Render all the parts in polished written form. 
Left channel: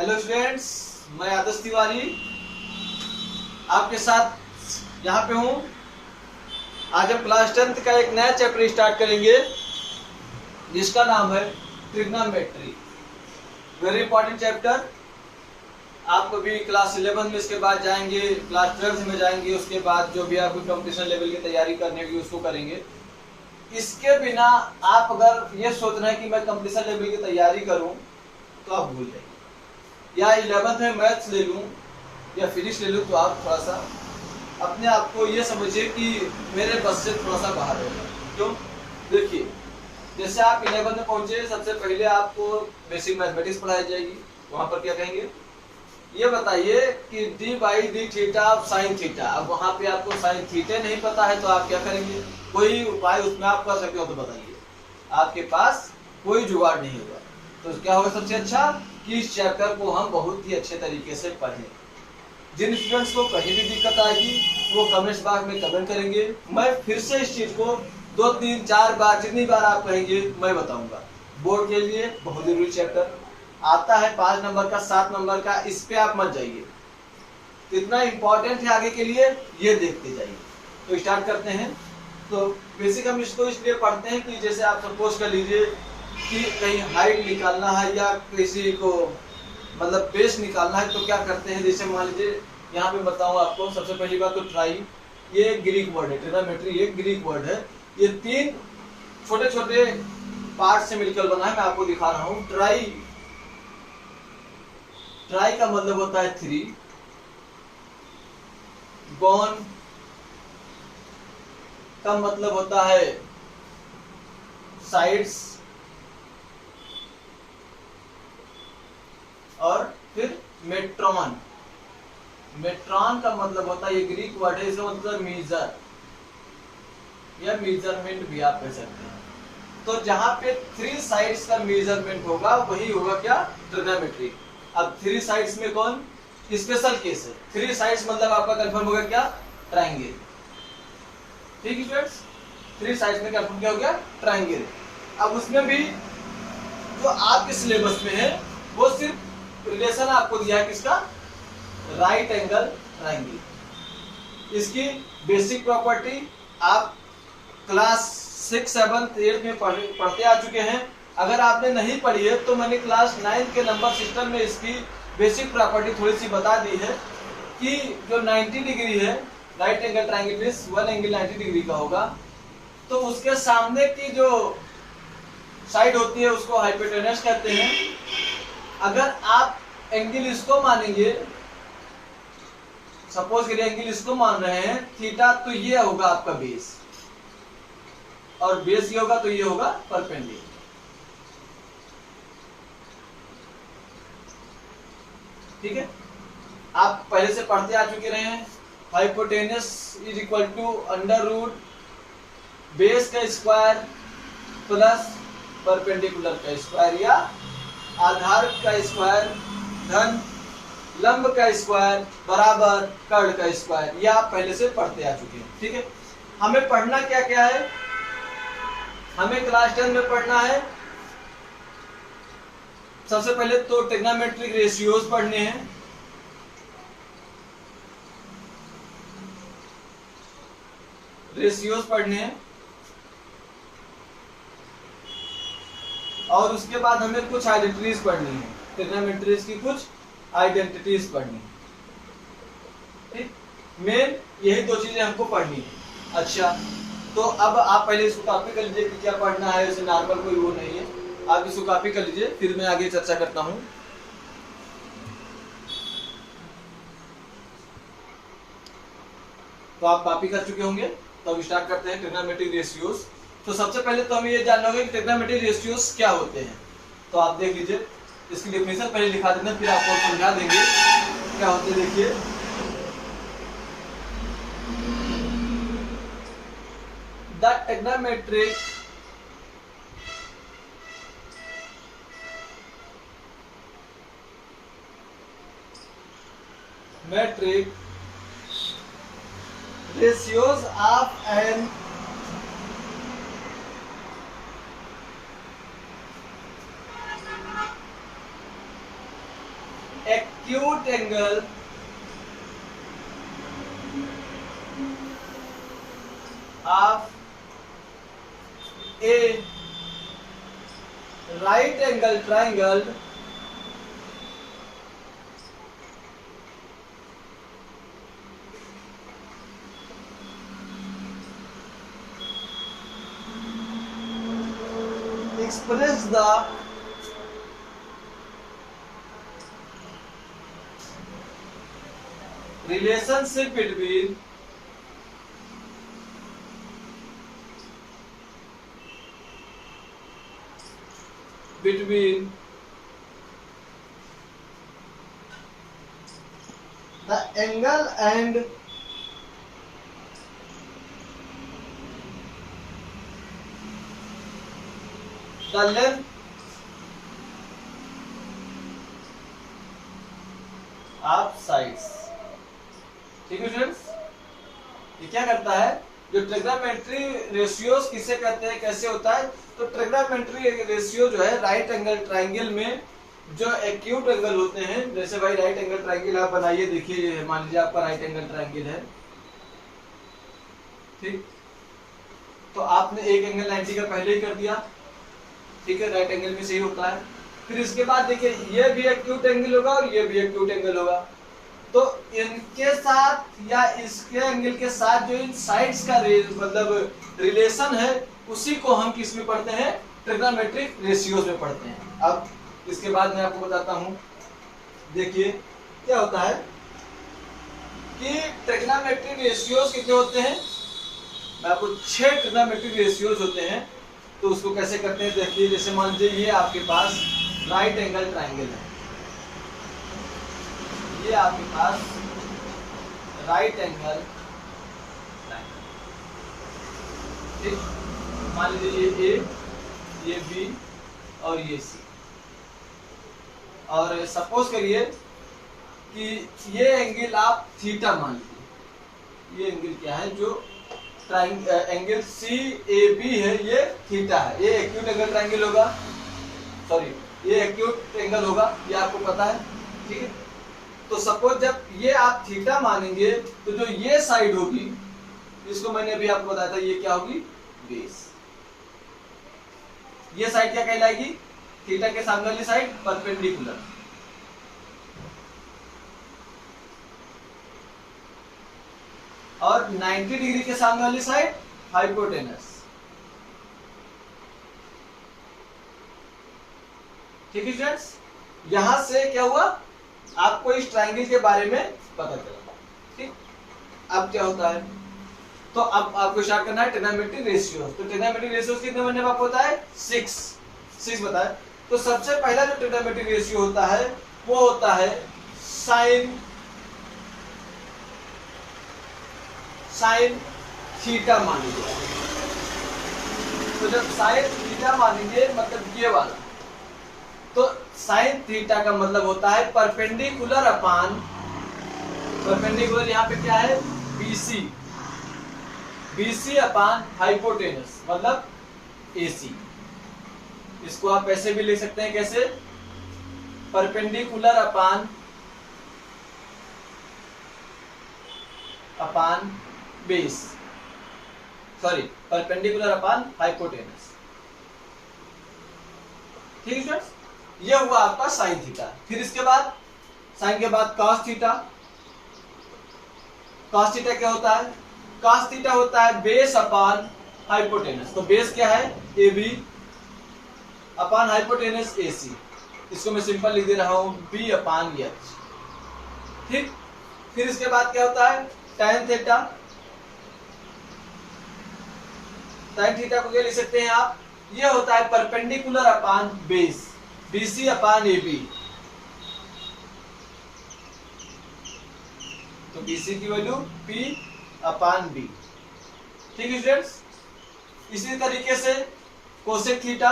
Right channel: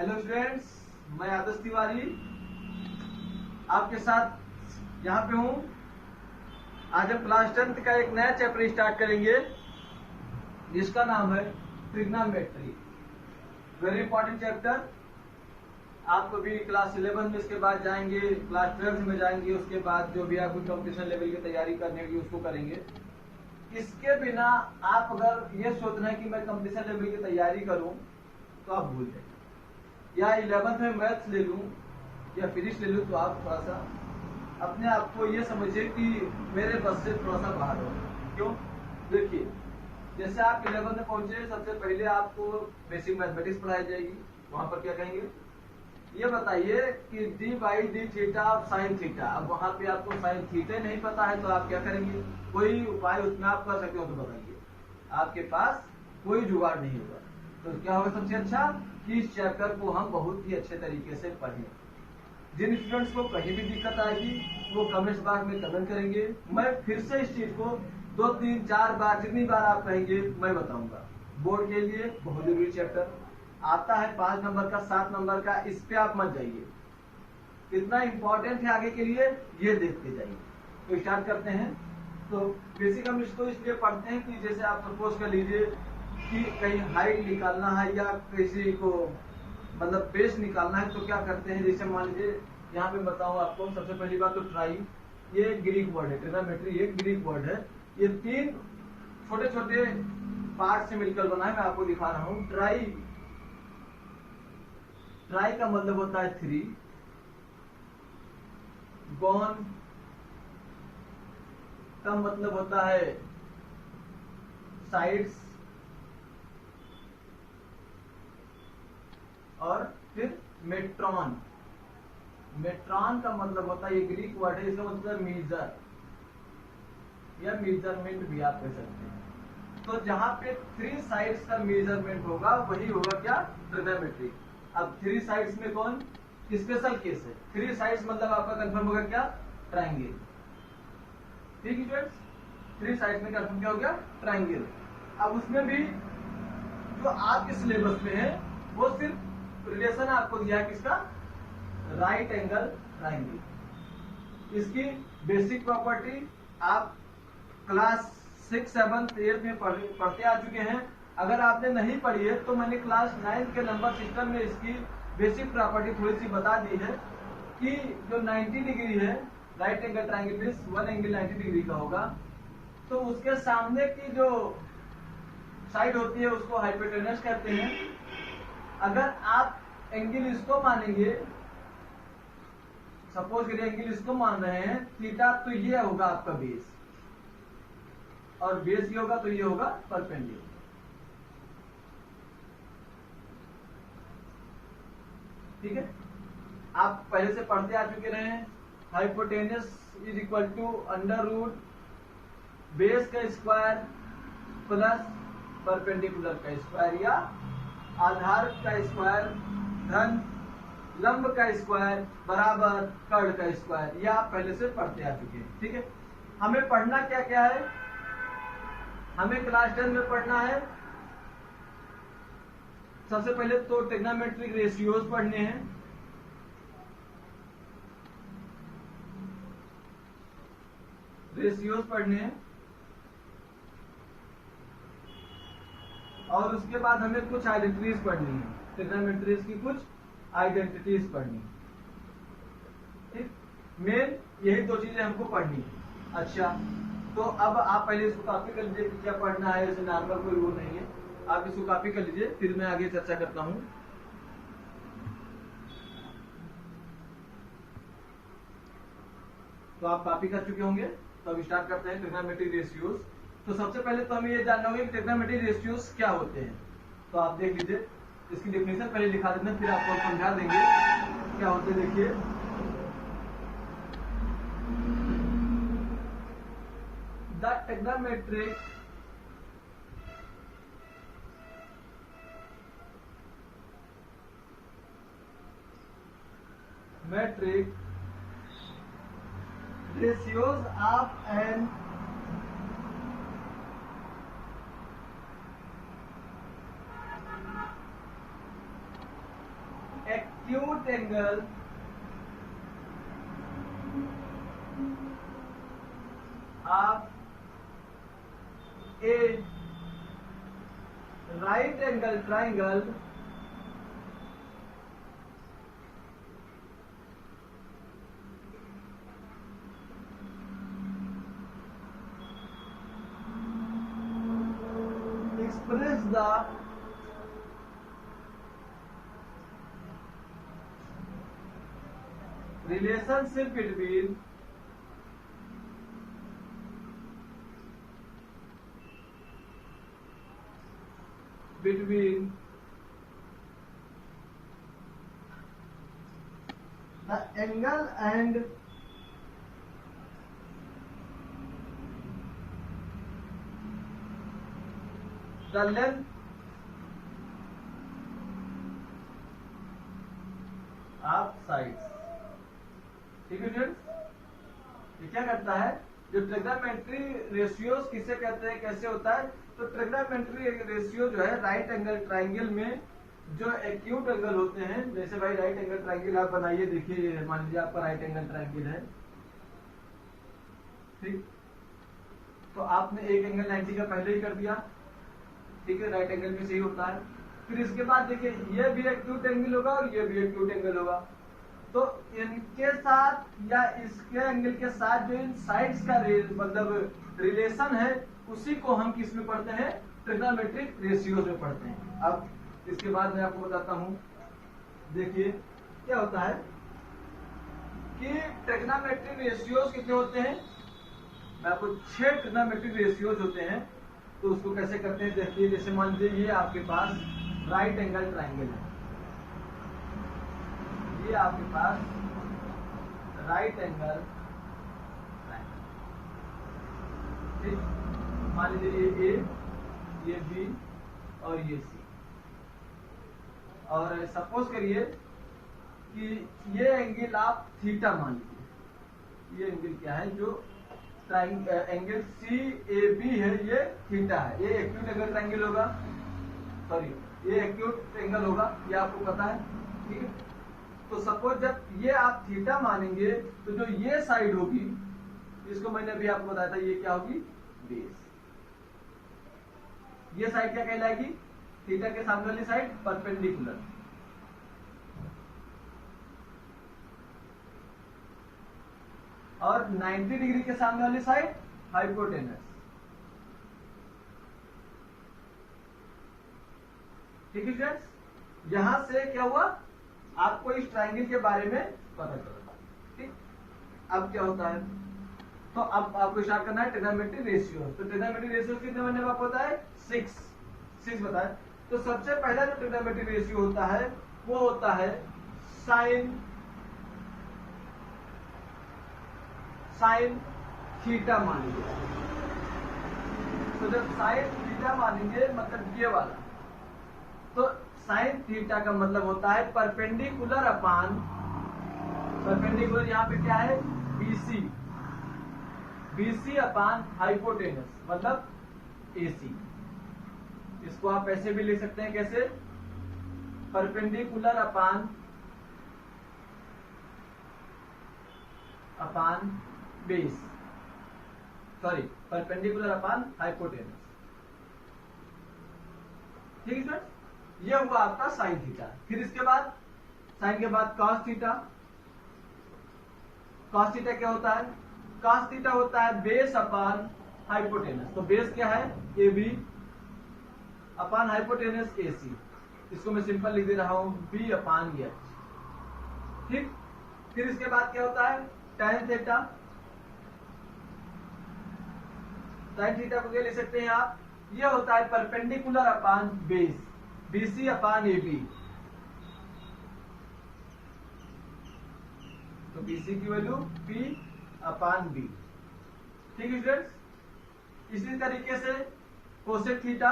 Hello students, मैं आदर्श तिवारी आपके साथ यहाँ पे हूँ। आज हम क्लास 10th का एक नया चैप्टर स्टार्ट करेंगे जिसका नाम है ट्रिग्नोमेट्री। Very important chapter. आप कभी क्लास 11 में इसके बाद जाएंगे, क्लास 12 में जाएंगे, उसके बाद जो भी आपको कंपटीशन लेवल की तैयारी करनी होगी उसको करेंगे। इसके बिना आप अगर ये सोच रहे हैं कि मैं कंपटीशन लेवल की तैयारी करूँ तो आप भूल जाइए। या 11th में मैथ्स ले लूँ या फिजिक्स ले लूँ तो आप थोड़ा सा अपने आप को ये समझिए कि मेरे बस से थोड़ा सा बाहर होगा। क्यों? देखिए, जैसे आप 11th में पहुंचे, सबसे पहले आपको बेसिक मैथमेटिक्स पढ़ाई जाएगी। वहाँ पर क्या कहेंगे, ये बताइए कि D by D theta of sine theta. अब वहाँ पे आपको साइन थीटा नहीं पता है तो आप क्या करेंगे? कोई उपाय उसमें आप कर सकते हो तो बताइए। आपके पास कोई जुगाड़ नहीं होगा तो क्या होगा? सबसे अच्छा कि इस चैप्टर को हम बहुत ही अच्छे तरीके से पढ़ें। जिन स्टूडेंट्स को कहीं भी दिक्कत आएगी वो कमेंट्स बॉक्स में कमेंट करेंगे। मैं फिर से इस चीज को 2, 3, 4 बार, जितनी बार आप कहेंगे मैं बताऊंगा। बोर्ड के लिए बहुत जरूरी चैप्टर आता है, 5 नंबर का, 7 नंबर का। इस पे आप मत जाइए, इतना इंपॉर्टेंट है आगे के लिए, ये देखते जाइए। तो स्टार्ट करते हैं। तो बेसिक हम इसको इसलिए पढ़ते हैं कि जैसे आप सपोज कर लीजिए कि कहीं हाइट निकालना है या किसी को मतलब बेस निकालना है तो क्या करते हैं? जैसे मान लीजिए यहाँ पे बताऊँ आपको। सबसे पहली बात तो ट्राई, ये ग्रीक वर्ड है। ट्रिग्नोमेट्री ये ग्रीक वर्ड है। ये 3 छोटे छोटे पार्ट से मिलकर बना है। मैं आपको दिखा रहा हूँ। ट्राई, ट्राई का मतलब होता है 3। गॉन का मतलब होता है साइड्स, और फिर मेट्रॉन, मेट्रॉन का मतलब होता है, ये ग्रीक वर्ड है, इसका मतलब मीजर या मेजरमेंट भी आप कह सकते हैं। तो जहां पे 3 साइड्स का मेजरमेंट होगा वही होगा क्या? ट्रिग्नोमेट्री। अब 3 साइड्स में कौन स्पेशल केस है? 3 साइड्स मतलब आपका कंफर्म होगा क्या? ट्रायंगल। ठीक है स्टूडेंट्स, 3 साइड्स में कंफर्म क्या हो गया? ट्रायंगल। अब उसमें भी जो आपके सिलेबस में है वो सिर्फ रिलेशन आपको दिया है किसका? Right angle triangle. इसकी बेसिक प्रॉपर्टी आप क्लास 6, 7, 8 में पढ़ते आ चुके हैं। अगर आपने नहीं पढ़ी है तो मैंने क्लास 9 के नंबर सिस्टम में इसकी बेसिक प्रॉपर्टी थोड़ी सी बता दी है कि जो 90 डिग्री है, राइट एंगल ट्रायंगल में 1 एंगल 90 डिग्री का होगा, तो उसके सामने की जो साइड होती है उसको हाइपोटेनस कहते हैं। अगर आप एंगल इसको मानेंगे, सपोज करिए एंगल इसको मान रहे हैं थीटा, तो ये होगा आपका बेस, और बेस ये होगा तो ये होगा परपेंडिकुलर। ठीक है, आप पहले से पढ़ते आ चुके रहे हैं। Hypotenuse is equal to under root base का स्क्वायर प्लस परपेंडिकुलर का स्क्वायर, या आधार का स्क्वायर धन लंब का स्क्वायर बराबर कर्ण का स्क्वायर। ये आप पहले से पढ़ते आ चुके हैं। ठीक है, हमें पढ़ना क्या क्या है? हमें क्लास 10 में पढ़ना है सबसे पहले तो ट्रिग्नोमेट्रिक रेशियोज पढ़ने हैं। रेशियोज पढ़ने हैं, और उसके बाद हमें कुछ आइडेंटिटीज पढ़नी है। ट्रिग्नोमेट्रीज की कुछ आइडेंटिटीज पढ़नी है। ठीक, मेन यही 2 चीजें हमको पढ़नी है। अच्छा, तो अब आप पहले इसको कॉपी कर लीजिए कि क्या पढ़ना है। वैसे नॉर्मल कोई वो नहीं है, आप इसको कॉपी कर लीजिए, फिर मैं आगे चर्चा करता हूँ। तो आप कॉपी कर चुके होंगे, तो अब स्टार्ट करते हैं ट्रिग्नोमेट्रिक रेशियोज। तो सबसे पहले तो हमें ये जानना होगा कि ट्रिग्नोमेट्रिक रेशियोज क्या होते हैं। तो आप देख लीजिए, इसकी डेफिनेशन पहले लिखा देना, फिर आपको समझा देंगे क्या होते हैं। देखिए, the trigonometric metric ratios of an acute angle of a right angle triangle express the relationship between the angle and the length of sides। ठीक है स्टूडेंट्स, ये क्या करता है, जो ट्रिग्नोमेट्री रेशियोज किसे कहते हैं, कैसे होता है, तो ट्रिग्नोमेट्री रेशियो जो है राइट एंगल ट्राइंगल में जो एक्यूट एंगल होते हैं, जैसे भाई राइट एंगल ट्राइंगल आप बनाइए, देखिए मान लीजिए आपका राइट एंगल ट्राइंगल है, ठीक, तो आपने एक एंगल 90 का पहले ही कर दिया, ठीक है, राइट एंगल भी सही होता है। फिर इसके बाद देखिए ये भी एक्यूट एंगल होगा और ये भी एक्यूट एंगल होगा, तो इनके साथ या इसके एंगल के साथ जो इन साइड्स का मतलब रिलेशन है, उसी को हम किस में पढ़ते हैं, ट्रिग्नोमेट्रिक रेशियोज में पढ़ते हैं। अब इसके बाद मैं आपको बताता हूं, देखिए क्या होता है कि ट्रिग्नोमेट्रिक रेशियोज कितने होते हैं, मैं आपको 6 ट्रिग्नोमेट्रिक रेशियोज होते हैं, तो उसको कैसे करते हैं देखिए। जैसे मान लीजिए ये आपके पास राइट एंगल ट्राइंगल है, ये आपके पास राइट एंगल ट्राइंगल, ठीक, मान लीजिए ये बी और ये सी, और सपोज करिए कि ये एंगल आप थीटा मान लीजिए, ये एंगल क्या है, जो एंगल सी ए बी है, ये थीटा है, ये एक्यूट एंगल ट्राइंगल होगा, सॉरी ये एक्यूट एंगल होगा, ये आपको पता है, ठीक है। तो सपोज जब ये आप थीटा मानेंगे, तो जो ये साइड होगी, इसको मैंने अभी आपको बताया था, ये क्या होगी, बेस। ये साइड क्या कहलाएगी, थीटा के सामने वाली साइड परपेंडिकुलर, और 90 डिग्री के सामने वाली साइड हाइपोटेनस, ठीक है स्टूडेंट्स। यहां से क्या हुआ, आपको इस ट्रायंगल के बारे में पता चला, ठीक। अब क्या होता है, तो अब आपको स्टार्ट करना है ट्रिग्नोमेट्रिक रेशियोज। तो ट्रिग्नोमेट्रिक रेशियोज कितने मैंने आपको बताया, 6 बताया। तो सबसे पहला जो ट्रिग्नोमेट्रिक रेशियो होता है वो होता है साइन थीटा मान लीजिए। तो जब साइन थीटा मानेंगे, मतलब ये वाला, तो साइन थीटा का मतलब होता है परपेंडिकुलर अपान, परपेंडिकुलर यहाँ पे क्या है, बीसी अपान हाइपोटेनस, मतलब एसी। इसको आप ऐसे भी लिख सकते हैं, कैसे, परपेंडिकुलर अपान बेस, सॉरी परपेंडिकुलर अपान हाइपोटेनस, ठीक है स्टूडेंट्स। ये हुआ आपका साइन थीटा। फिर इसके बाद साइन के बाद कॉस थीटा। कॉस थीटा क्या होता है, कॉस थीटा होता है बेस अपान हाइपोटेनस। तो बेस क्या है, ए बी अपान हाइपोटेनस ए सी। इसको मैं सिंपल लिख दे रहा हूं, बी अपान एच, ठीक। फिर इसके बाद क्या होता है, tan थीटा। tan थीटा को क्या लिख सकते हैं आप, ये होता है परपेंडिकुलर अपान बेस, BC अपान AB। तो BC की वैल्यू P अपान B, ठीक है स्टूडेंट्स। इसी तरीके से कोसेक थीटा,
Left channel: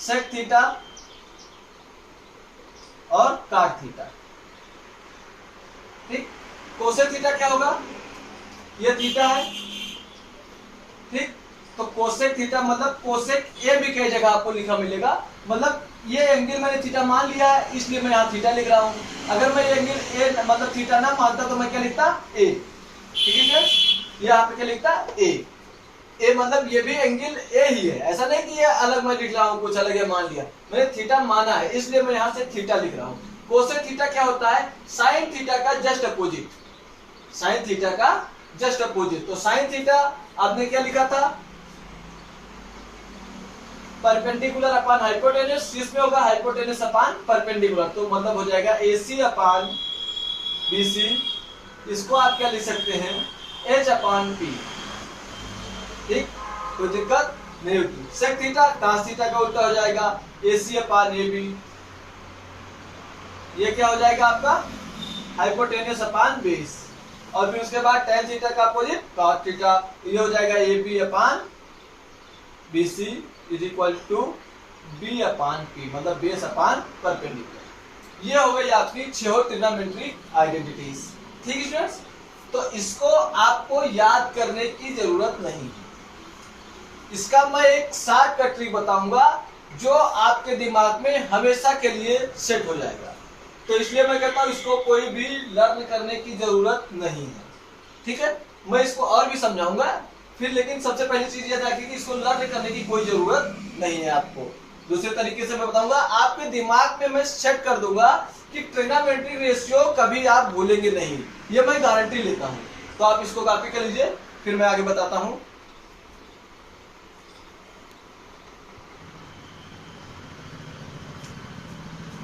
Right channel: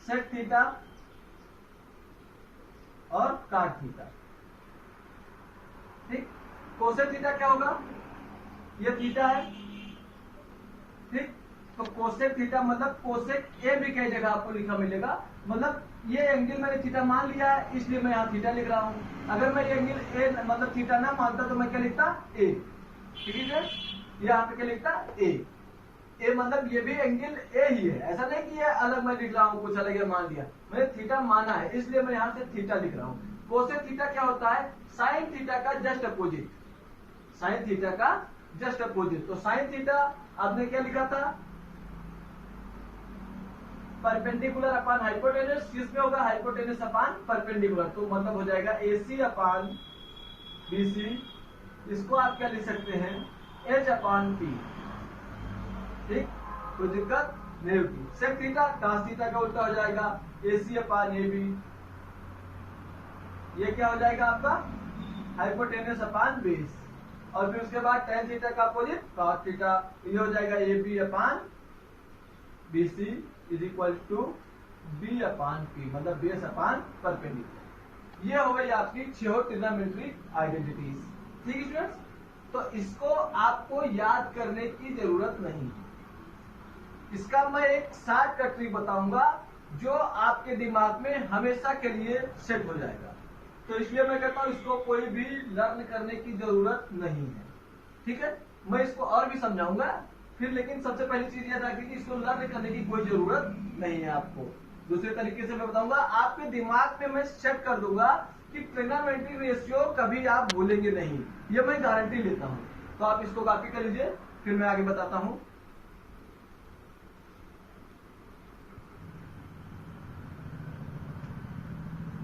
सेक थीटा और काट थीटा, ठीक। कोसेक थीटा क्या होगा, ये थीटा है, ठीक, तो कोसेक थीटा मतलब कोसेक ए भी कई जगह आपको लिखा मिलेगा। मतलब ये एंगल मैंने थीटा मान लिया है, इसलिए मैं यहाँ थीटा लिख रहा हूँ। अगर मैं ये एंगल ए मतलब थीटा ना मानता तो मैं क्या लिखता, ए। ठीक है, यहाँ पे क्या लिखता, ए। ए मतलब ये भी एंगल ए ही है, ऐसा नहीं कि ये अलग मैं लिख रहा हूँ, कुछ अलग है मान लिया। मैंने थीटा माना है, इसलिए मैं यहाँ से थीटा लिख रहा हूँ। कोसेक थीटा क्या होता है, साइन थीटा का जस्ट अपोजिट, साइन थीटा का जस्ट अपोजिट। तो साइन थीटा आपने क्या लिखा था, परपेंडिकुलर अपॉन हाइपोटेन्यूज, इसमें होगा हाइपोटेन्यूज अपॉन परपेंडिकुलर, तो मतलब हो जाएगा AC अपॉन BC। इसको आप क्या लिख सकते हैं, H अपॉन P। ठीक, कोई दिक्कत नहीं होती। सेक थीटा cos थीटा का उल्टा हो जाएगा AC अपॉन AB। ये क्या हो जाएगा आपका, हाइपोटेन्यूज अपॉन बेस। और फिर उसके बाद tan थीटा का अपोजिट cos थीटा, ये हो जाएगा AB upon BC is equal to B upon P, मतलब बेस अपॉन परपेंडिकुलर। ये हो गई आपकी 6 ट्रिग्नोमेट्रिक आइडेंटिटीज। ठीक स्टूडेंट्स, तो इसको आपको याद करने की जरूरत नहीं। इसका मैं एक शॉर्टकट ट्रिक बताऊंगा जो आपके दिमाग में हमेशा के लिए सेट हो जाएगा। तो इसलिए मैं कहता हूं इसको कोई भी लर्न करने की जरूरत नहीं है। ठीक है, मैं इसको और भी समझाऊंगा फिर, लेकिन सबसे पहली चीज यह था कि इसको लर्न करने की कोई जरूरत नहीं है आपको। दूसरे तरीके से मैं बताऊंगा, आपके दिमाग में मैं सेट कर दूंगा कि ट्रिग्नोमेट्रिक रेशियो कभी आप भूलेंगे नहीं, ये मैं गारंटी लेता हूं। तो आप इसको कॉपी कर लीजिए, फिर मैं आगे बताता हूं।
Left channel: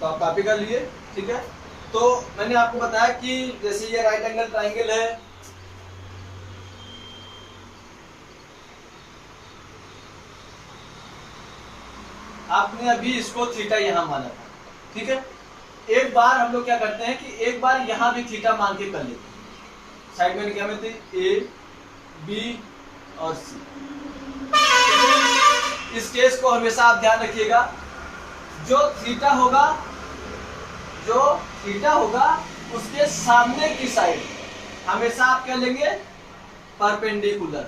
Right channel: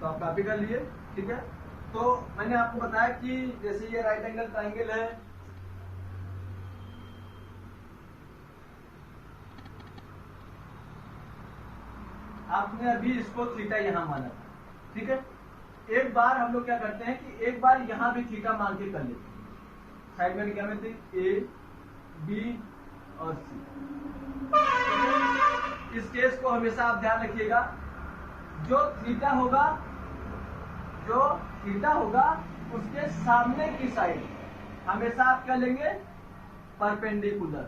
तो आप कॉपी कर लीजिए। ठीक है, तो मैंने आपको बताया कि जैसे ये राइट एंगल ट्राइंगल है, आपने अभी इसको थीटा यहां माना था। ठीक है, एक बार हम लोग क्या करते हैं कि एक बार यहां भी थीटा मान के कर लेते हैं। साइड में क्या मिलती है, A, B और C। इस केस को हमेशा आप ध्यान रखिएगा, जो थीटा होगा उसके सामने की साइड हमेशा आप क्या लेंगे, परपेंडिकुलर।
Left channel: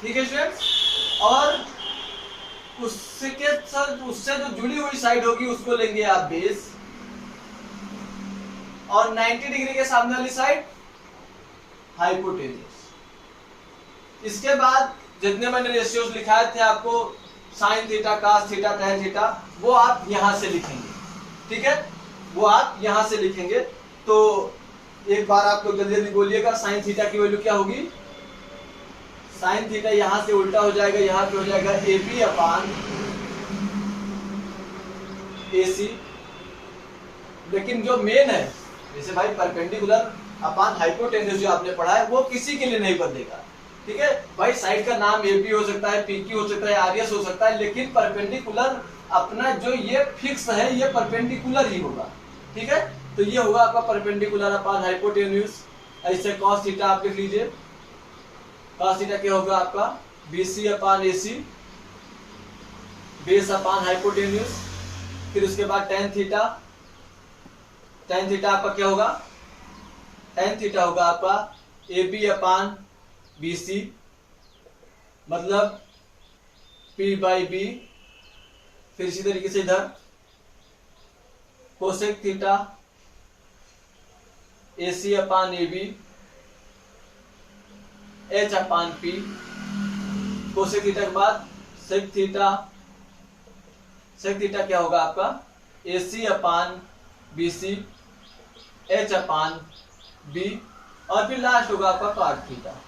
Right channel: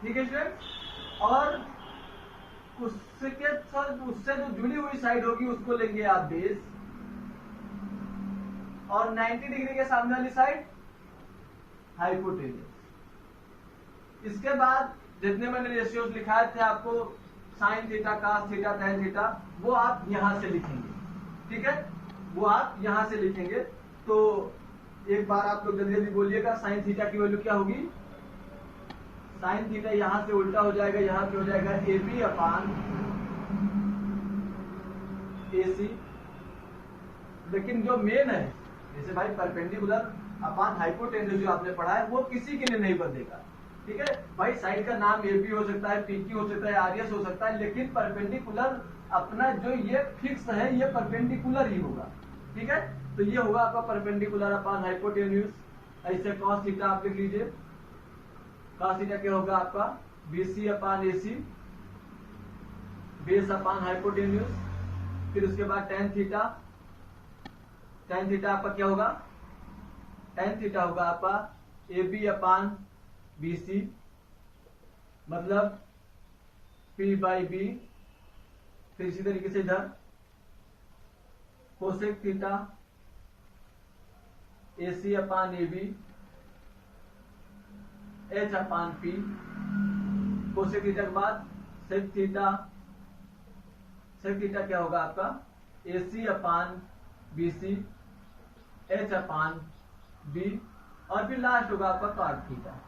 ठीक है स्टूडेंट्स, और उससे जो जुड़ी हुई साइड होगी उसको लेंगे आप बेस, और 90 डिग्री के सामने वाली साइड हाइपोटेन्यूज। इसके बाद जितने मैंने रेशियोज लिखाए थे आपको, sine theta, cos theta, tan theta, वो आप यहां से लिखेंगे। ठीक है, वो आप यहां से लिखेंगे। तो एक बार आप लोग जल्दी जल्दी बोलिएगा, साइन थीटा की वैल्यू क्या होगी, साइन थीटा यहां से उल्टा हो जाएगा, यहां पे हो जाएगा AB अपॉन AC। लेकिन जो मेन है, जैसे भाई परपेंडिकुलर अपॉन हाइपोटेन्यूज जो आपने पढ़ा है, वो किसी के लिए नहीं बदलेगा। ठीक है भाई, साइड का नाम AB हो सकता है, PQ हो सकता है, RS हो सकता है, लेकिन परपेंडिकुलर अपना जो ये फिक्स है, ये परपेंडिकुलर ही होगा। ठीक है, तो ये होगा आपका परपेंडिकुलर अपॉन हाइपोटेन्यूज। ऐसे cos थीटा आप लिख लीजिए, cos थीटा क्या होगा आपका, BC upon AC, base upon hypotenuse. फिर उसके बाद tan थीटा, tan थीटा आपका क्या होगा, tan थीटा होगा आपका AB अपॉन BC, मतलब P/B। फिर इसी तरीके से इधर cosec theta AC upon AB, H upon P। Cosec theta के बाद सेक थीटा, सेक थीटा क्या होगा आपका, AC upon BC, H upon B। और फिर लास्ट होगा आपका cot थीटा।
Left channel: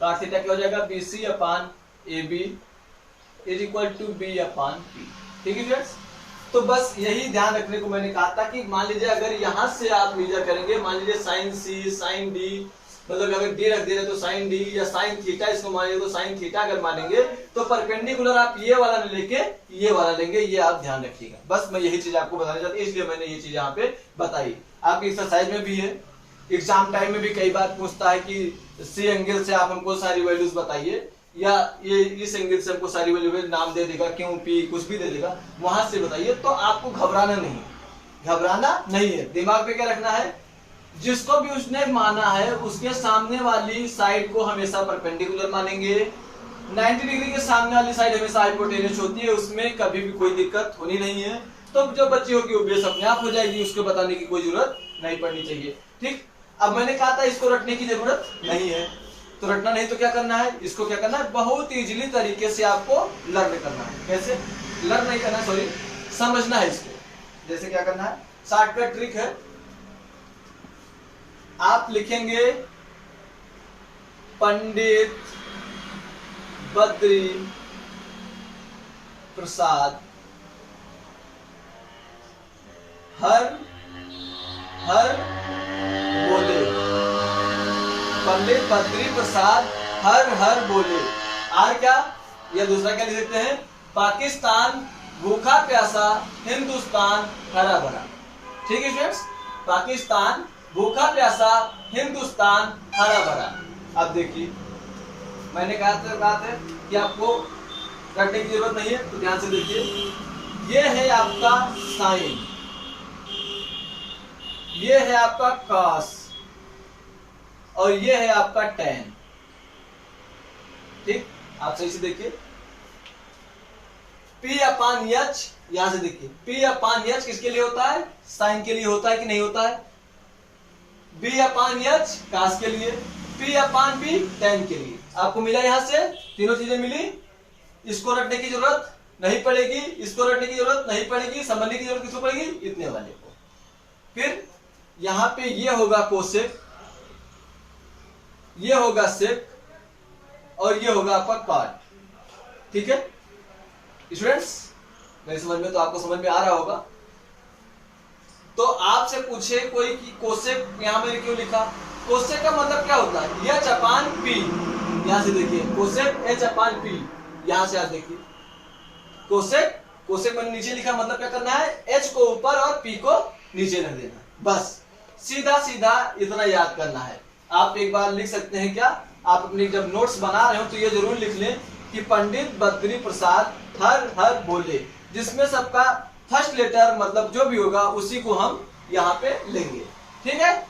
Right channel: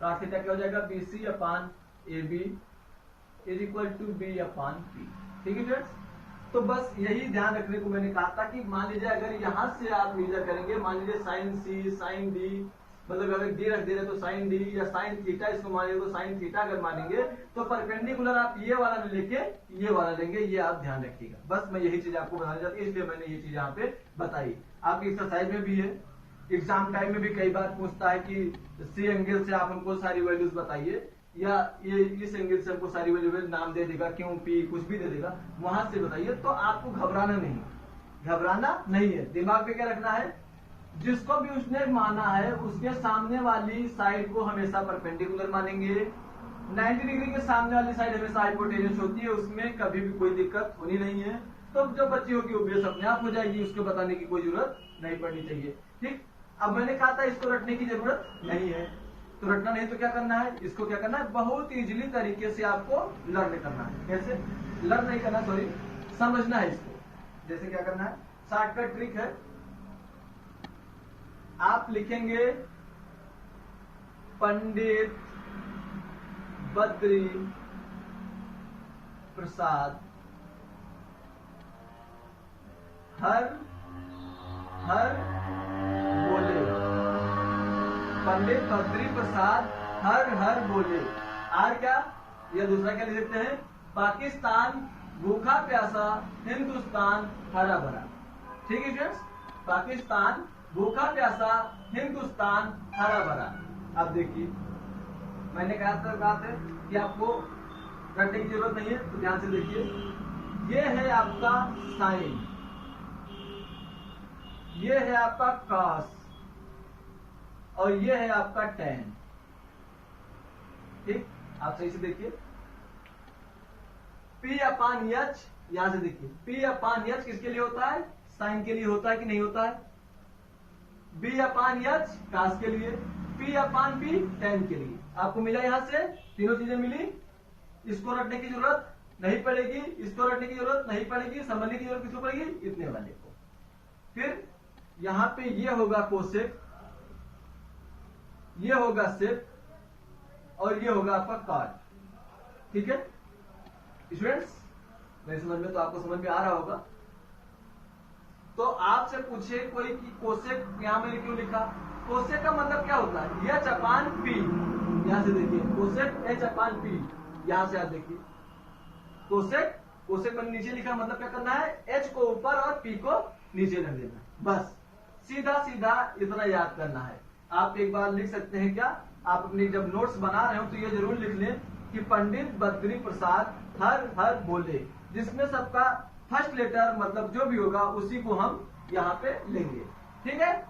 cot थीटा क्या हो जाएगा, BC upon AB is equal to B upon P। ठीक है फ्रेंड्स, तो बस यही ध्यान रखने को मैंने कहा था कि मान लीजिए अगर यहां से आप मीजर करेंगे, मान लीजिए साइन C, साइन D, मतलब अगर D रख दे रहे तो साइन D, या साइन थीटा इसको मान लीजिए तो साइन थीटा अगर मानेंगे, तो परपेंडिकुलर आप ये वाला नहीं लेके ये वाला लेंगे, ये आप ध्यान रखिएगा। बस मैं यही चीज आपको बताना चाहती हूँ, इसलिए मैंने ये चीज यहाँ पे बताई। आपकी एक्सरसाइज में भी है, एग्जाम टाइम में भी कई बार पूछता है कि सी एंगल से आप हमको सारी वैल्यूज बताइए, या ये इस एंगल से हमको सारी वैल्यू नाम दे देगा, क्यों, P कुछ भी दे देगा, वहां से बताइए। तो आपको घबराना नहीं है, दिमाग पे क्या रखना है, जिसको भी उसने माना है उसके सामने वाली साइड को हमेशा परपेंडिकुलर मानेंगे। 90 डिग्री के सामने वाली साइड हमेशा हाइपोटेन्यूस होती है, उसमें कभी भी कोई दिक्कत होनी नहीं है। तो जो बच्ची होगी वो बेस अपने आप हो जाएगी, उसको बताने की कोई जरूरत नहीं पड़नी चाहिए। ठीक, अब मैंने कहा था इसको रटने की जरूरत नहीं है, तो रटना नहीं तो क्या करना है, इसको क्या करना है, बहुत इजीली तरीके से आपको लर्न करना है। कैसे लर्न नहीं करना, सॉरी, समझना है इसको। जैसे क्या करना है, शॉर्टकट ट्रिक है, आप लिखेंगे पंडित बद्री प्रसाद हर हर बोले, पंडित बद्री प्रसाद हर हर बोले। और क्या, या दूसरा क्या लिख सकते हैं, पाकिस्तान भूखा प्यासा, हिंदुस्तान हरा भरा। ठीक है स्टूडेंट्स, पाकिस्तान भूखा प्यासा, हिंदुस्तान हरा भरा। अब देखिए मैंने कहा था कि आपको रटने की जरूरत नहीं है, तो ध्यान से देखिए, ये है आपका साइन, ये है आपका कॉस, और ये है आपका टैन। ठीक, आप सही से देखिए, P अपान एच, यहां से देखिए P अपान एच किसके लिए होता है, साइन के लिए होता है कि नहीं होता है, B अपान एच कास के लिए, P अपान B टैन के लिए। आपको मिला, यहां से तीनों चीजें मिली, इसको रटने की जरूरत नहीं पड़ेगी, इसको रटने की जरूरत नहीं पड़ेगी, समझने की जरूरत किसको पड़ेगी, इतने वाले को। फिर यहां पे ये होगा कोसेक, ये होगा सेक, और ये होगा आपका कॉट। ठीक है स्टूडेंट्स, मेरी समझ में तो आपको समझ में आ रहा होगा। तो आपसे पूछे कोई कि कोसेक यहां मैंने क्यों लिखा, कोसेक का मतलब क्या होता है, एच अपान पी। यहां से देखिए कोसेक एच अपान पी, यहां से आप देखिए कोसेक, कोसेक मैंने नीचे लिखा, मतलब क्या करना है, एच को ऊपर और पी को नीचे रख देना, बस सीधा सीधा इतना याद करना है। आप एक बार लिख सकते हैं क्या, आप अपनी जब नोट्स बना रहे हो तो ये जरूर लिख लें कि पंडित बद्री प्रसाद हर हर बोले, जिसमें सबका फर्स्ट लेटर मतलब जो भी होगा उसी को हम यहाँ पे लेंगे। ठीक है,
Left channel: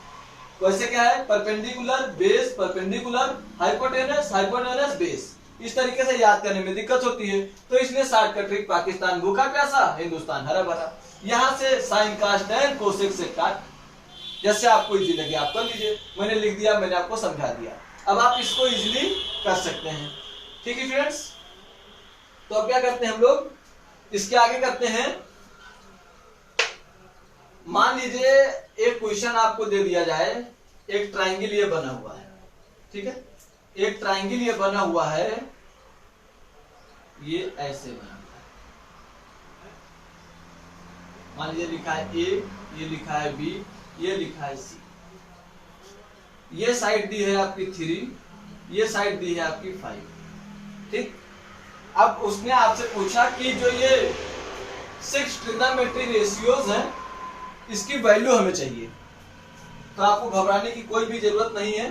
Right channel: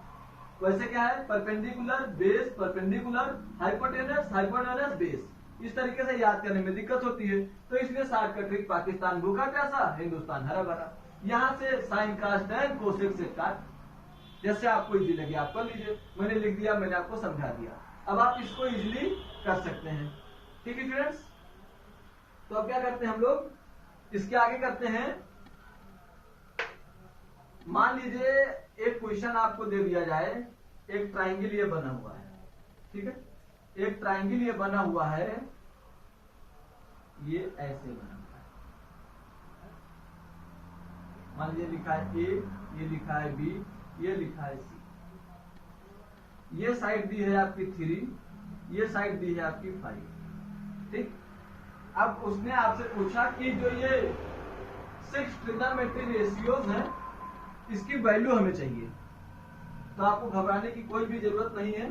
वैसे क्या है, perpendicular base, perpendicular hypotenuse, hypotenuse base, इस तरीके से याद करने में दिक्कत होती है, तो इसलिए शॉर्टकट ट्रिक पाकिस्तान भूखा प्यासा, हिंदुस्तान हरा भरा। यहाँ से साइन कास्ट टैन कोसेक से काट, जैसे आपको इजी लगे आप कर लीजिए, मैंने लिख दिया, मैंने आपको समझा दिया, अब आप इसको इजीली कर सकते हैं। ठीक है फ्रेंड्स, तो अब क्या करते हैं हम लोग, इसके आगे करते हैं। मान लीजिए एक क्वेश्चन आपको दे दिया जाए, एक ट्रायंगल ये बना हुआ है, ठीक है, एक ट्रायंगल ये बना हुआ है, ये ऐसे बना हुआ है, मान लीजिए लिखा है ए, ये लिखा है बी, ये लिखा है सी, ये साइड दी है आपकी 3, ये साइड दी है आपकी 5। ठीक, अब उसने आपसे पूछा कि जो ये 6 ट्रिग्नोमेट्री रेशियोज हैं इसकी वैल्यू हमें चाहिए। तो आपको घबराने की कोई भी जरूरत नहीं है,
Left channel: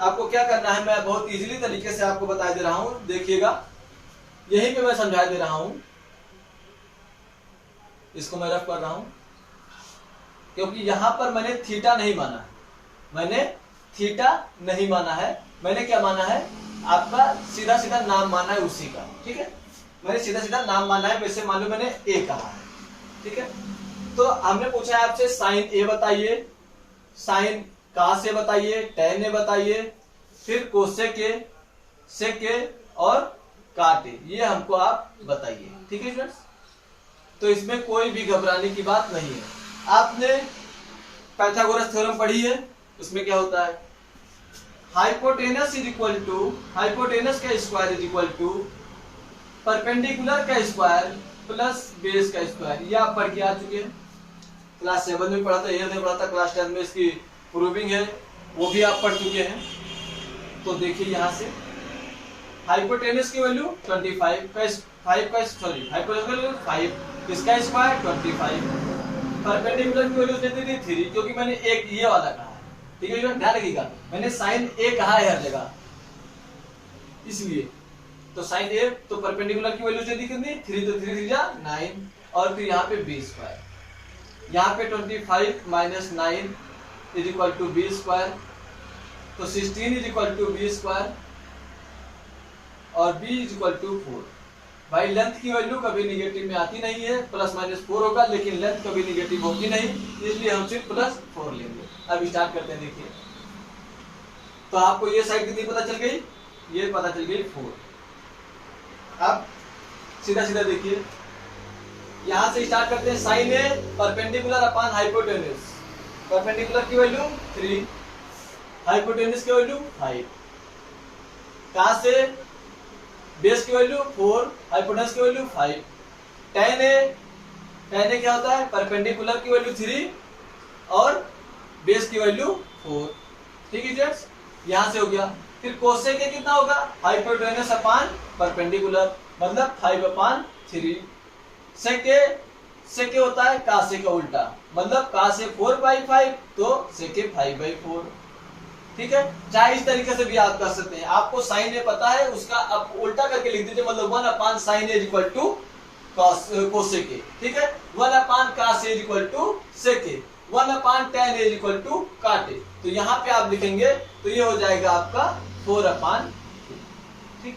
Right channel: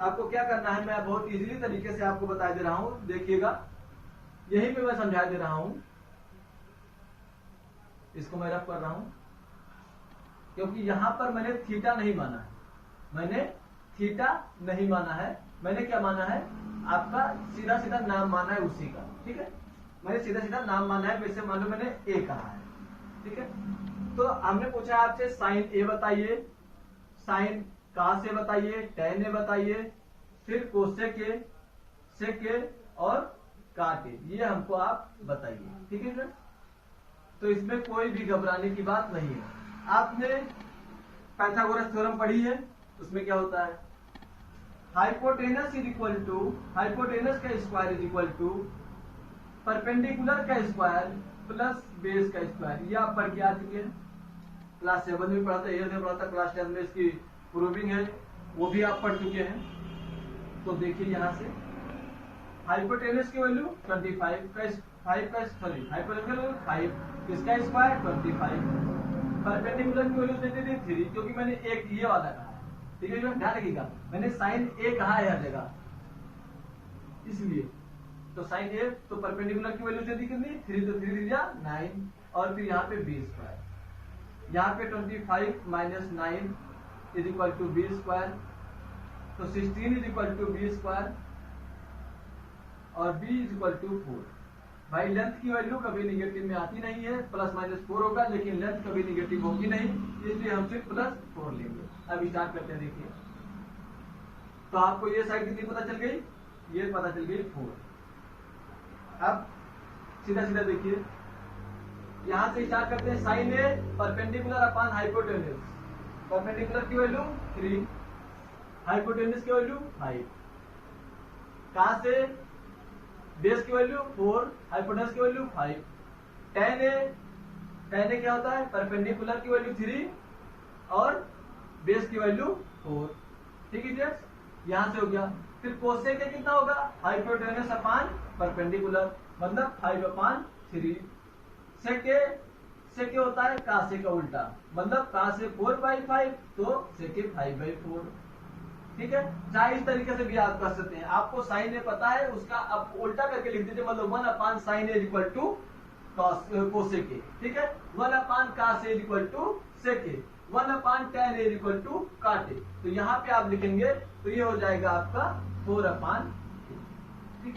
आपको क्या करना है, मैं बहुत इजीली तरीके से आपको बता दे रहा हूं, देखिएगा यहीं पे मैं समझा दे रहा हूं, इसको मैं रफ कर रहा हूं क्योंकि यहां पर मैंने थीटा नहीं माना है, मैंने थीटा नहीं माना है, मैंने क्या माना है, आपका सीधा सीधा नाम माना है उसी का। ठीक है, मैंने सीधा सीधा नाम माना है, वैसे मान लो मैंने ए कहा है। ठीक है, तो हमने पूछा है आपसे साइन ए बताइए, साइन कास ए बताइए, टैन ए बताइए, फिर कोसेक ए, सेक ए और काट ए, ये हमको आप बताइए। ठीक है फ्रेंड्स, तो इसमें कोई भी घबराने की बात नहीं है। आपने पाइथागोरस थ्योरम पढ़ी है, उसमें क्या होता है, hypotenuse is equal to, hypotenuse का square is equal to perpendicular का स्क्वायर प्लस बेस का स्क्वायर। ये आप पढ़ के आ चुके हैं, क्लास 7 में पढ़ा था, 8 में पढ़ा था, क्लास 10 में इसकी प्रूविंग है, वो भी आप पढ़ चुके हैं। तो देखिए यहाँ से हाइपोटेनस की वैल्यू 25 का 5 का सॉरी हाइपोटेनस 5, इसका स्क्वायर 25, परपेंडिकुलर की वैल्यू देती थी 3, क्योंकि मैंने एक ये वाला कहा है। ठीक है, ध्यान रखिएगा, मैंने साइन ए कहा है हर जगह, इसलिए तो साइन ए, तो परपेंडिकुलर की वैल्यू देती कितनी 3, तो 3 जा 9, और फिर यहाँ पे बी स्क्वायर, यहाँ पे 25 minus 9 is equal to B square, तो 16 is equal to B square और b इज इक्वल टू 4। भाई लेंथ की वैल्यू कभी निगेटिव में आती नहीं है, प्लस माइनस 4 होगा, लेकिन लेंथ कभी निगेटिव होगी नहीं, इसलिए हम सिर्फ +4 लेंगे। अब स्टार्ट करते हैं। देखिए तो आपको ये साइड कितनी पता चल गई, ये पता चल गई 4। अब सीधा सीधा देखिए, यहां से स्टार्ट करते हैं। साइन ए परपेंडिकुलर अपॉन हाइपोटेन्यूज, परपेंडिकुलर की वैल्यू 3, हाइपोटेन्यूज की वैल्यू 5, कहां से बेस की वैल्यू 4, हाइपोटेन्यूज की वैल्यू 5। tan ए क्या होता है, परपेंडिकुलर की वैल्यू 3 और बेस की वैल्यू 4। ठीक है फ्रेंड्स, यहां से हो गया। फिर कोसेक ए कितना होगा, हाइपोटेन्यूज अपॉन परपेंडिकुलर, मतलब 5/3। सेक ए होता है कासे का उल्टा, मतलब कासे 4/5 तो सेके 5/4। ठीक है, चाहे इस तरीके से भी आप कर सकते हैं। आपको साइन ए पता है, उसका आप उल्टा करके लिख दीजिए, मतलब 1/sin A equal to cosec A. ठीक है, 1/cos A equal to sec A, 1/tan A equal to cot A. तो यहाँ पे आप लिखेंगे तो ये हो जाएगा आपका 4/3। ठीक,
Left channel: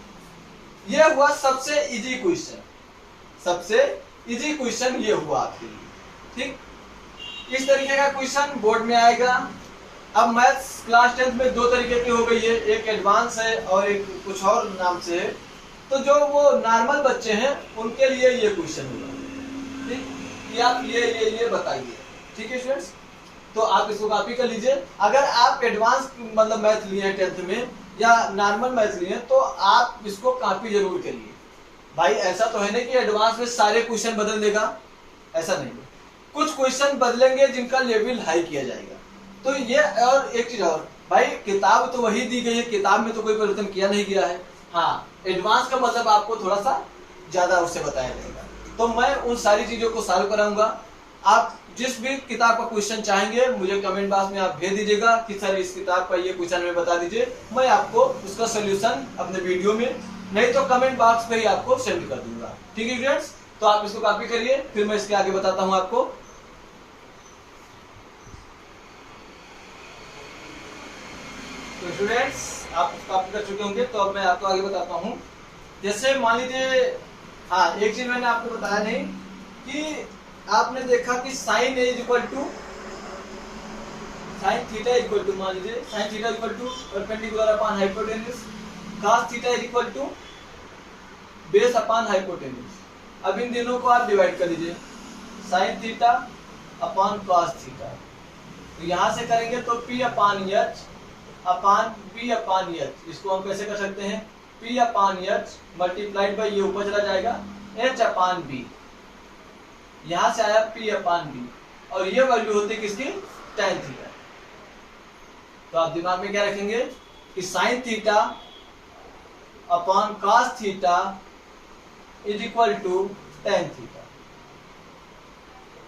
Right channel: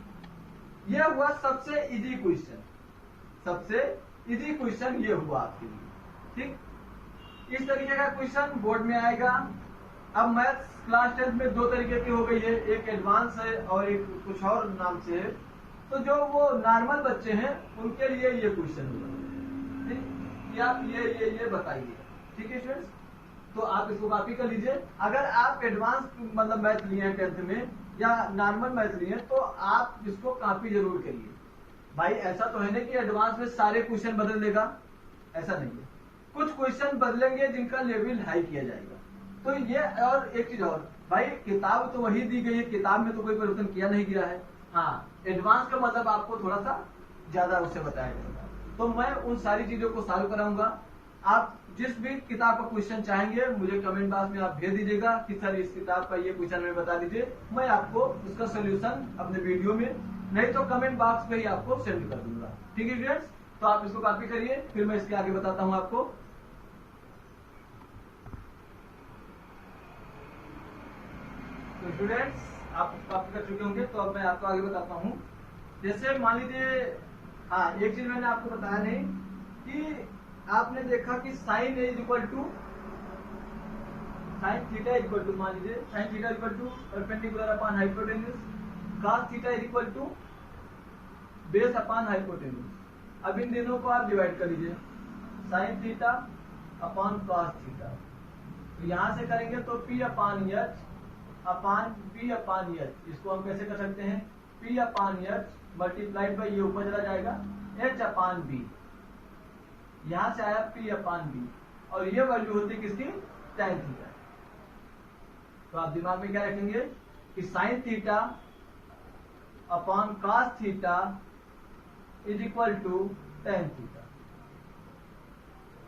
ये हुआ सबसे इजी क्वेश्चन, सबसे इजी क्वेश्चन ये हुआ आपके लिए। ठीक, इस तरीके का क्वेश्चन बोर्ड में आएगा। अब मैथ्स क्लास 10 में 2 तरीके की हो गई है, एक एडवांस है और एक कुछ और नाम से है। तो जो वो नॉर्मल बच्चे हैं उनके लिए ये क्वेश्चन होगा। ठीक, कि आप ये बताइए। ठीक है स्टूडेंट्स, तो आप इसको कॉपी कर लीजिए। अगर आप एडवांस मतलब मैथ लिए हैं 10th में या नॉर्मल मैथ लिए हैं तो आप इसको कॉपी जरूर करिए। भाई ऐसा तो है नहीं कि एडवांस में सारे क्वेश्चन बदल देगा, ऐसा नहीं है। कुछ क्वेश्चन बदलेंगे जिनका लेवल हाई किया जाएगा। तो ये, और एक चीज और, भाई किताब तो वही दी गई है, किताब में तो कोई परिवर्तन किया नहीं गया है। हाँ, एडवांस का मतलब आपको थोड़ा सा ज्यादा उससे बताया जाएगा। तो मैं उन सारी चीजों को सॉल्व कराऊंगा। आप जिस भी किताब का क्वेश्चन चाहेंगे मुझे कमेंट बॉक्स में आप भेज दीजिएगा कि सर इस किताब का ये क्वेश्चन में बता दीजिए, मैं आपको उसका सोल्यूशन अपने वीडियो में, नहीं तो कमेंट बॉक्स पे ही आपको सेंड कर दूंगा। ठीक है फ्रेंड्स, तो आप इसको कॉपी करिए, फिर मैं इसके आगे बताता हूँ आपको। तो स्टूडेंट्स आप कॉपी कर चुके होंगे, तो अब मैं आपको आगे बताता हूँ। जैसे मान लीजिए, हाँ एक चीज मैंने आपको बताया नहीं कि आपने देखा कि sine A equal to sine theta equal to, मान लीजिए sine theta equal to perpendicular upon hypotenuse, cos theta equal to base upon hypotenuse. अब इन दोनों को आप डिवाइड कर लीजिए, sine theta upon cos theta. तो यहां से करेंगे तो P/H अपॉन B/H, इसको हम कैसे कर सकते हैं, P/H मल्टीप्लाइड बाई, ये ऊपर चला जाएगा H/B, यहां से आया P/B, और ये वैल्यू होती है किसकी, tan थीटा। तो आप दिमाग में क्या रखेंगे कि sine theta upon cos theta is equal to tan theta.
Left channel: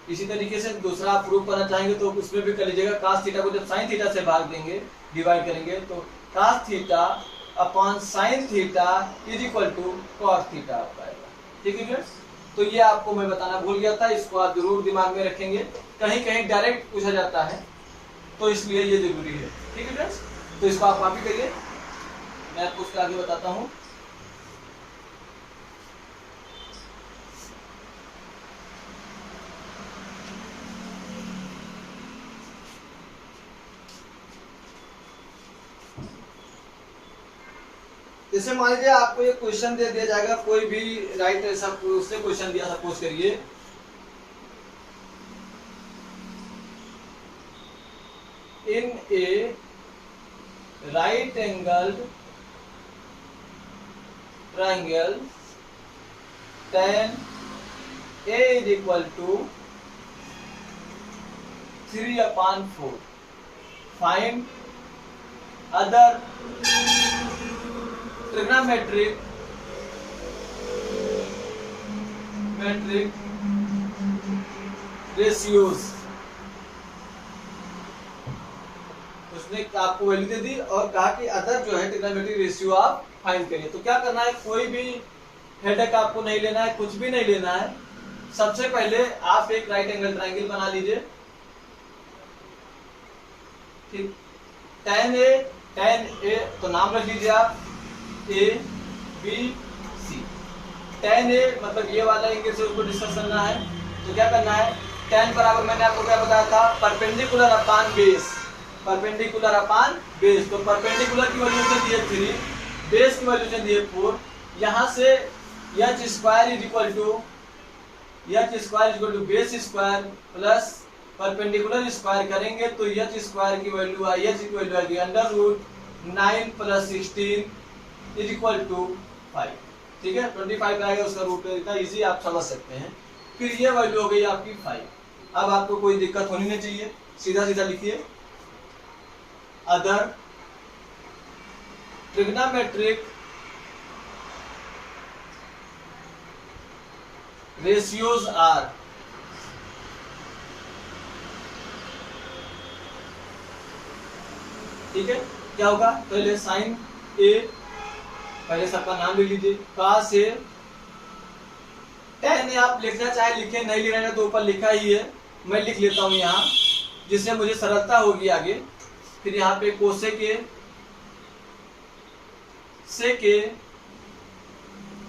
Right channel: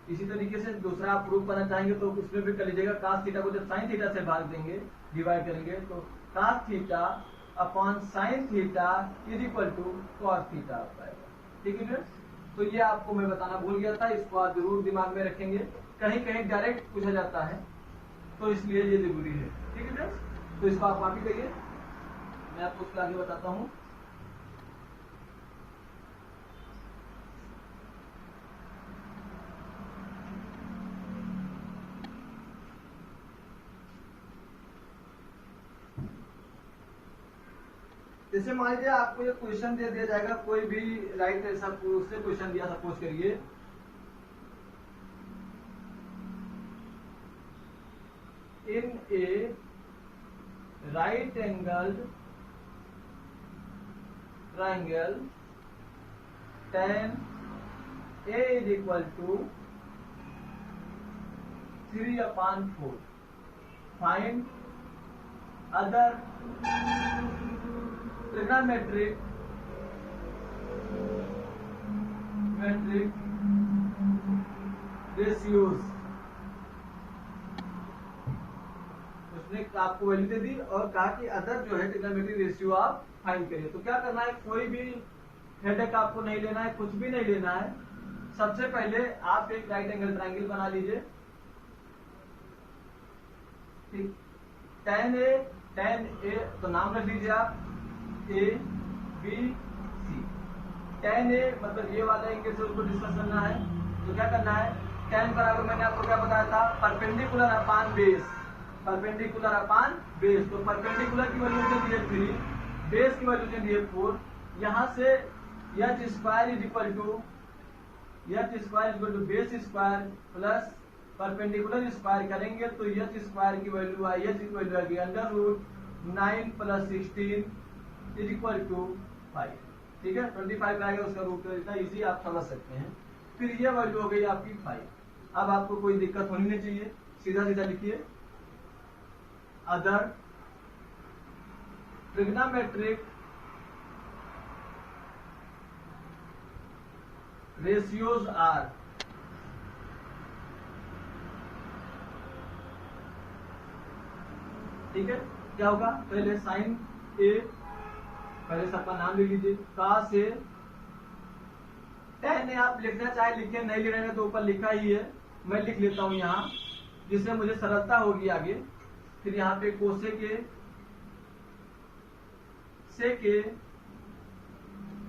इसी तरीके से दूसरा आप प्रूफ करना चाहेंगे तो उसमें भी कर लीजिएगा। cos थीटा को जब sin थीटा से भाग देंगे, डिवाइड करेंगे, तो cos theta upon sin theta is equal to cos theta आ पाएगा। ठीक है फ्रेंड्स, तो ये आपको मैं बताना भूल गया था, इसको आप जरूर दिमाग में रखेंगे, कहीं कहीं डायरेक्ट पूछा जाता है तो इसलिए ये जरूरी है। ठीक है फ्रेंड्स, तो इसको आप कॉपी करिए, मैं आपको उसके आगे बताता हूँ। जैसे मान लीजिए आपको ये क्वेश्चन दे दिया जाएगा, कोई भी राइट ऐसा उससे क्वेश्चन दिया, सपोज करिए in a right angled triangle tan A is equal to 3/4, find other trigonometric ratios. उसने आपको वैल्यू दे दी और कहा कि अदर जो है ट्रिग्नोमेट्रिक रेशियो आप फाइंड करिए। तो क्या करना है, कोई भी हेडेक आपको नहीं लेना है, कुछ भी नहीं लेना है। सबसे पहले आप एक राइट एंगल ट्रायंगल बना लीजिए। ठीक, tan ए तो नाम रख लीजिए आप ए बी सी। tan ए मतलब ये वाला एंगल से उसको डिस्कस करना है, तो क्या करना है, tan बराबर मैंने आपको क्या बताया था, परपेंडिकुलर अपान बेस, परपेंडिकुलर अपान बेस। तो परपेंडिकुलर की वैल्यू से दिए 3, बेस की वैल्यू से दिए 4। यहाँ से H square is equal to base square plus perpendicular square करेंगे तो एच स्क्वायर की वैल्यू आई, एच की वैल्यू आएगी √9 + 16 इज इक्वल टू 5। ठीक है, 25 आएगा उसका रूट, इतना इजी आप समझ सकते हैं। फिर ये वैल्यू हो गई आपकी 5। अब आपको कोई दिक्कत होनी नहीं चाहिए, सीधा सीधा लिखिए, अदर ट्रिग्नोमेट्रिक रेशियोज आर। ठीक है, क्या होगा, पहले साइन ए, पहले सबका नाम लिख लीजिए, cos ए, tan ए आप लिखना चाहे लिखे, नहीं लिखना है तो ऊपर लिखा ही है, मैं लिख लेता हूं यहाँ जिससे मुझे सरलता होगी आगे। फिर यहाँ पे कोसेक ए, सेक ए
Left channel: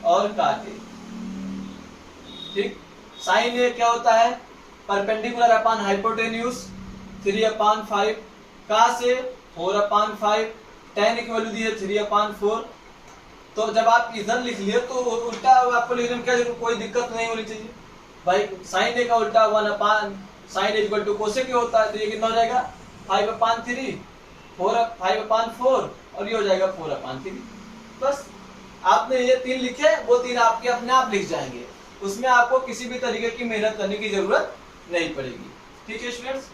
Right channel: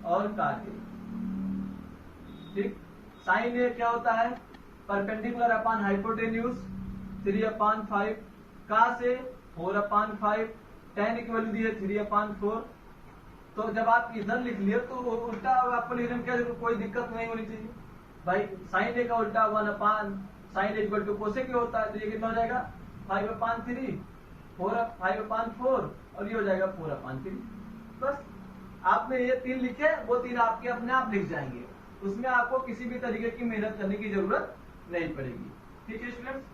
और काट ए। ठीक, साइन ए क्या होता है, परपेंडिकुलर अपान हाइपोटेन्यूज 3/5, cos ए 4/5, tan की वैल्यू दी है 3/4। तो जब आप इधर लिख लिए तो उल्टा आपको लिखने में क्या जरूरत, कोई दिक्कत नहीं होनी चाहिए भाई। साइन ए का उल्टा 1/sin A equal to cosec A होता है, तो ये कितना हो जाएगा 5/3, 5/4 और ये हो जाएगा 4/3। बस आपने ये 3 लिखे, वो 3 आपके अपने आप लिख जाएंगे, उसमें आपको किसी भी तरीके की मेहनत करने की जरूरत नहीं पड़ेगी। ठीक है स्टूडेंट्स,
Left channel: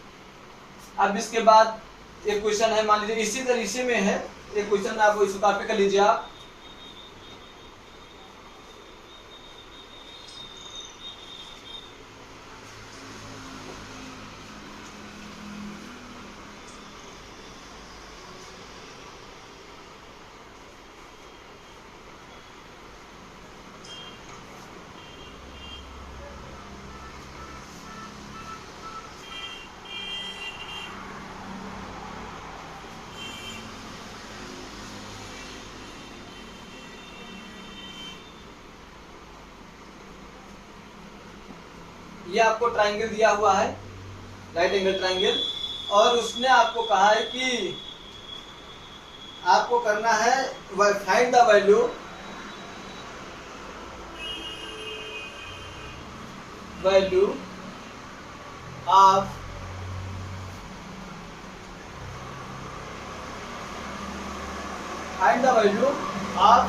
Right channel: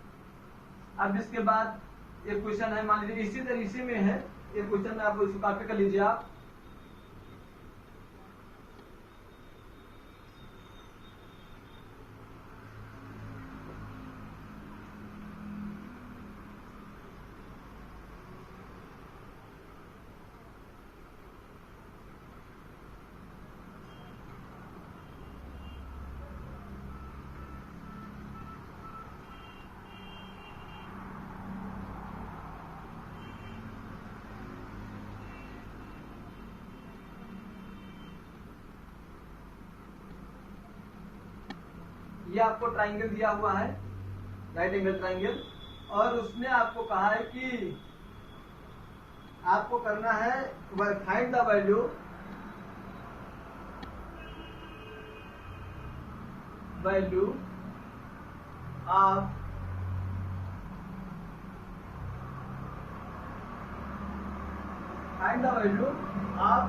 अब इसके बाद एक क्वेश्चन है, मान लीजिए इसी तरीके में है एक क्वेश्चन, आपको इसको कॉपी कर लीजिए आप। ये आपको ट्राइंगल दिया हुआ है, राइट एंगल ट्राइंगल, और उसने आपको कहा है कि आपको करना है find the value of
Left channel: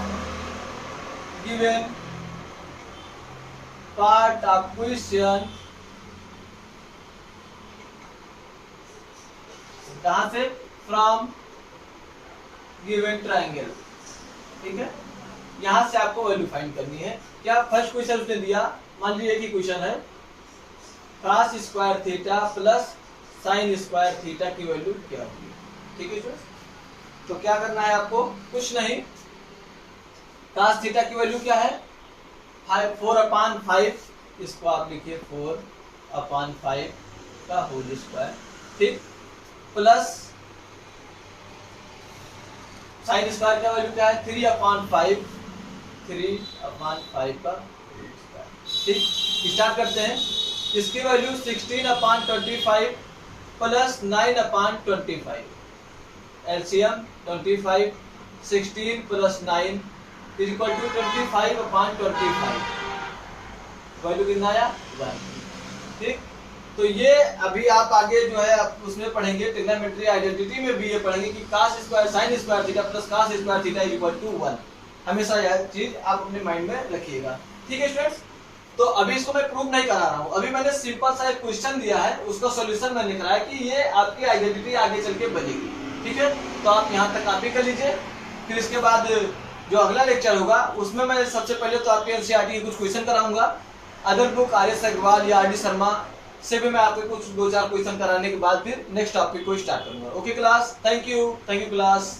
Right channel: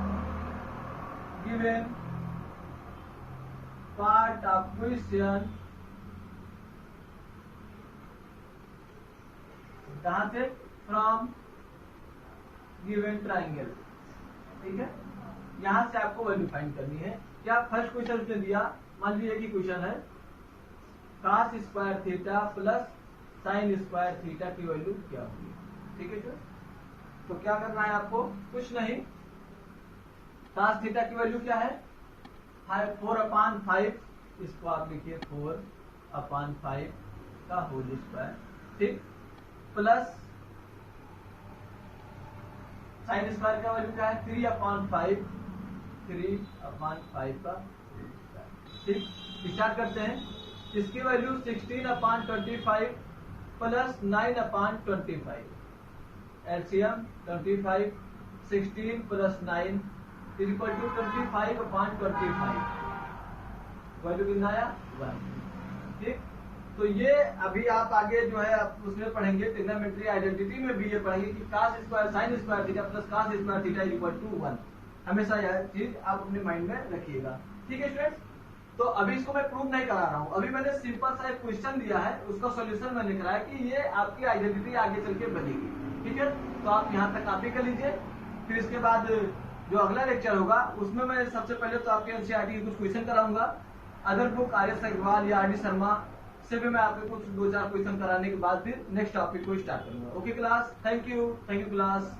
given part of question, कहां से, फ्रॉम गिवन ट्राइंगल। ठीक है, यहां से आपको वैल्यू फाइंड करनी है। क्या फर्स्ट क्वेश्चन उसने दिया, मान लीजिए कि क्वेश्चन है cos square theta plus sin square theta की वैल्यू क्या होगी। ठीक है सर, तो क्या करना है आपको, कुछ नहीं, cos थीटा की वैल्यू क्या है 4/5, इसको आप लिखिए 4/5 का होल स्क्वायर। ठीक, प्लस साइन स्क्वायर का वैल्यू क्या है 3/5 का होल स्क्वायर। ठीक, स्टार्ट करते हैं। इसकी value 16/25 plus 9/25, LCM 25, 16 plus 9 is equal to 25/25, value कितना आया 1। ठीक, तो ये अभी आप आगे जो है आप उसमें पढ़ेंगे, ट्रिग्नोमेट्री आइडेंटिटी में भी ये पढ़ेंगे कि cos square sin square theta plus cos square theta is equal to 1। हमेशा यह चीज आप अपने माइंड में रखिएगा। ठीक है स्टूडेंट्स, तो अभी इसको मैं प्रूव नहीं करा रहा हूँ, अभी मैंने सिंपल सा एक क्वेश्चन दिया है, उसका सॉल्यूशन मैंने कराया कि ये आपकी आइडेंटिटी आगे चल के बनेगी। ठीक है, तो आप यहाँ तक कॉपी कर लीजिए। फिर इसके बाद जो अगला लेक्चर होगा उसमें मैं सबसे पहले तो आपके एनसीईआरटी के कुछ क्वेश्चन कराऊंगा, अदर बुक RS अग्रवाल या RD शर्मा से भी मैं आपको कुछ 2-4 क्वेश्चन कराने के बाद फिर नेक्स्ट टॉपिक को स्टार्ट करूंगा। Okay class, thank you class.